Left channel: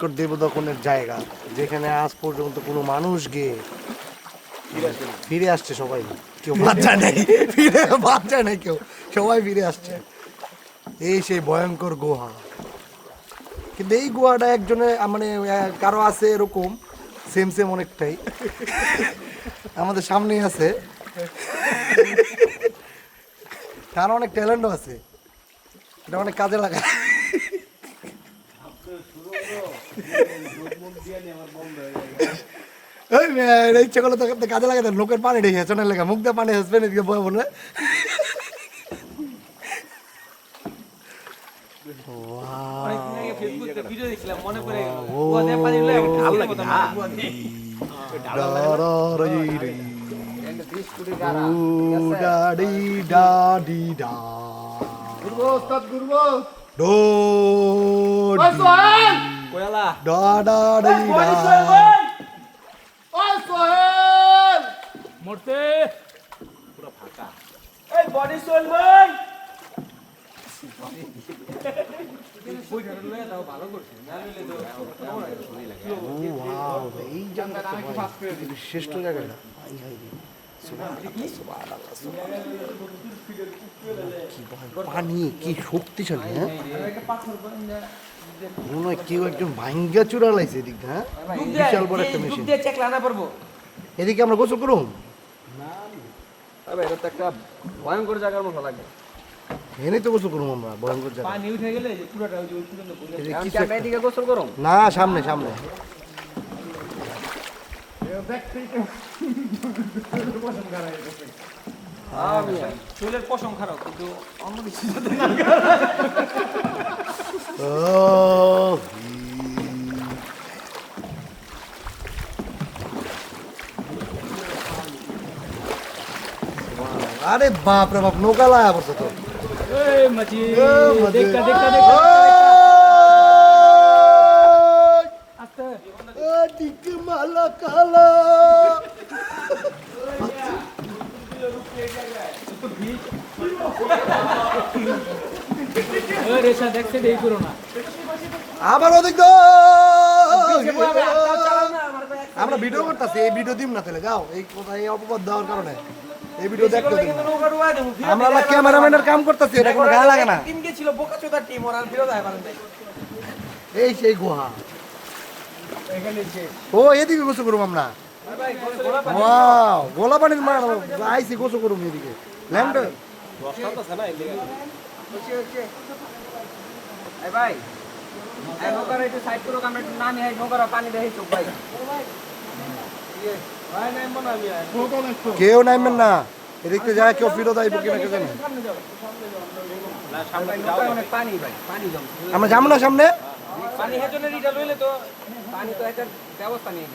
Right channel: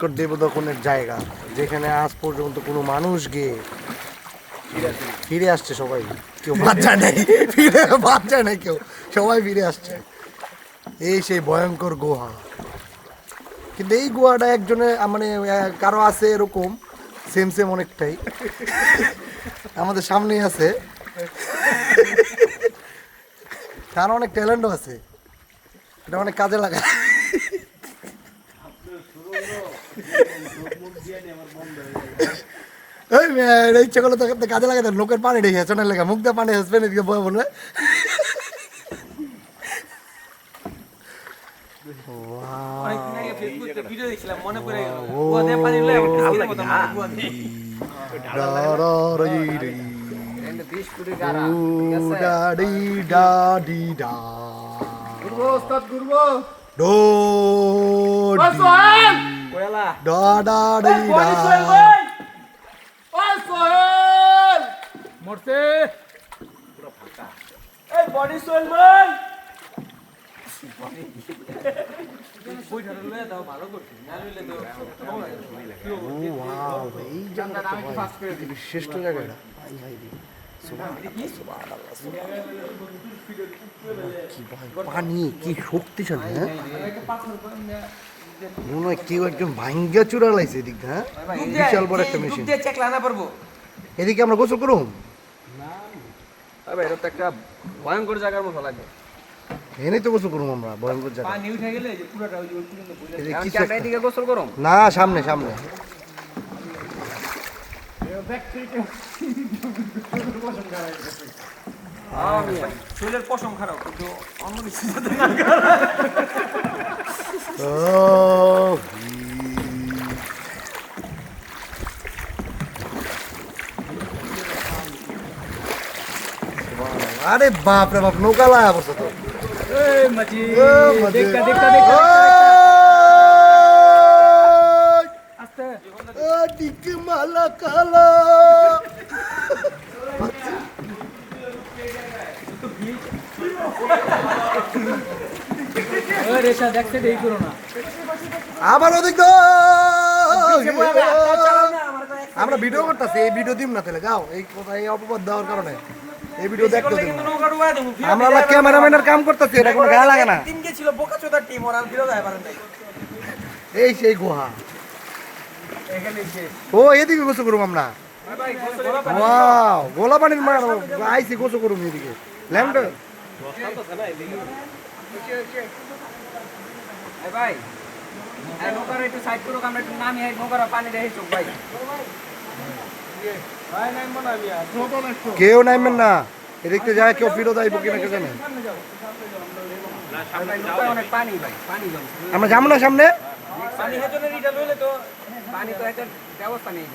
দেবদখনের জায়গা যেখানে আজ পর্যন্ত কোনো মানুষ গিয়ে ফিরে আসছে। সবাই কেউ বাদ যায় নাই, ফিরে বাদ যায় নাই কেউ, সবাই ফিরে আসছে। এই সেই ভয়ঙ্কর গুহা। কিন্তু এই গুহাটা একজনে মানে কারো আছে এরকম সেম সেম অনেকটাই আমাদের সামনেই আছে। তার অনেক ট্যালেন্টও আছে, এটা অনেক কাজে লাগায়। ওই ইচ্ছা করলে তো কাজে লাগাতে লোকের পানি রেখে চোনের লেগে মুখ দিয়ে পানি হেসবে এদিকে বয়ে বলবে। মরতে পুরো ফাঁকা। এই বডি সোল ভাই শ্রেষ্ঠ জায়গা পানি কি শক্তিশালী। হ্যাঁ মনে হয় কেউ একজন ভাঙ্গা চূড়া লাইছে এদিকে। হ্যাঁ বিশাল বড় একটা মেশিন। এদিকে আমরা গোসল করুন। এটা তো একটা ভয়ঙ্কর জায়গার মতো লাগে। এনে তো গোসল করুন আমরা ভয়ঙ্কর জায়গা। পানি উঠে গেলে যে পুরোটা ওই যে ওই পর্যন্ত পড়ে যায়। কি আমরা এদিকে গোসল করুম না সামনে সামনে শরীরের পশম খারাপ কিন্তু অন্য কিছু আরে বাপ রে বাপ নৌকা লাগা পড়তো তো। এই মাছি দেখা দেখা দেখা আস্তে দিকে মালা কালা ওই রেশা দেখতে দেই করো না আবার ওদিক তো আমরা ভিডিও করতেছি। এই ভিডিও দিম না তাহলে যাও এই কথা এই অপবাদ দেওয়ার কারণে এই ভিডিও দেখতে দিন। আমরা ক্যামেরাম্যানের কাম করতেছি, এটা কোনো গায়ে লাগে না। তিন কে ছিল বোকাচোদা টিম ওরা ফিরে যায় পারেন নাই। এই সেই গুহা এখানে যে ও এদিকে গোসল করুম আমরা। ভাই গোলা পানি ওয়াও গোলা পানির মার আইসি গোসল করুম এদিকে ল্যাম্প দশটা তো আছে না এদিকে এই ভাই এই মোকরা একটু সাইড করো আমরা একটু নামি এই মোকরা পানি দেই চোখ ভাই ভাই নাই মনে আমি আর কেউ নাইবেন না এদিকে যায় কেউ ফিরো যাইব কিনা কে জানে। সামনে যাও না সামনে যাও অনেক পানি ভাই পানি জম আমরা যাবো না সামনে। পানি হেজনের ইটা লইলে তো পানি তো এটার ব্যবস্থা নেই।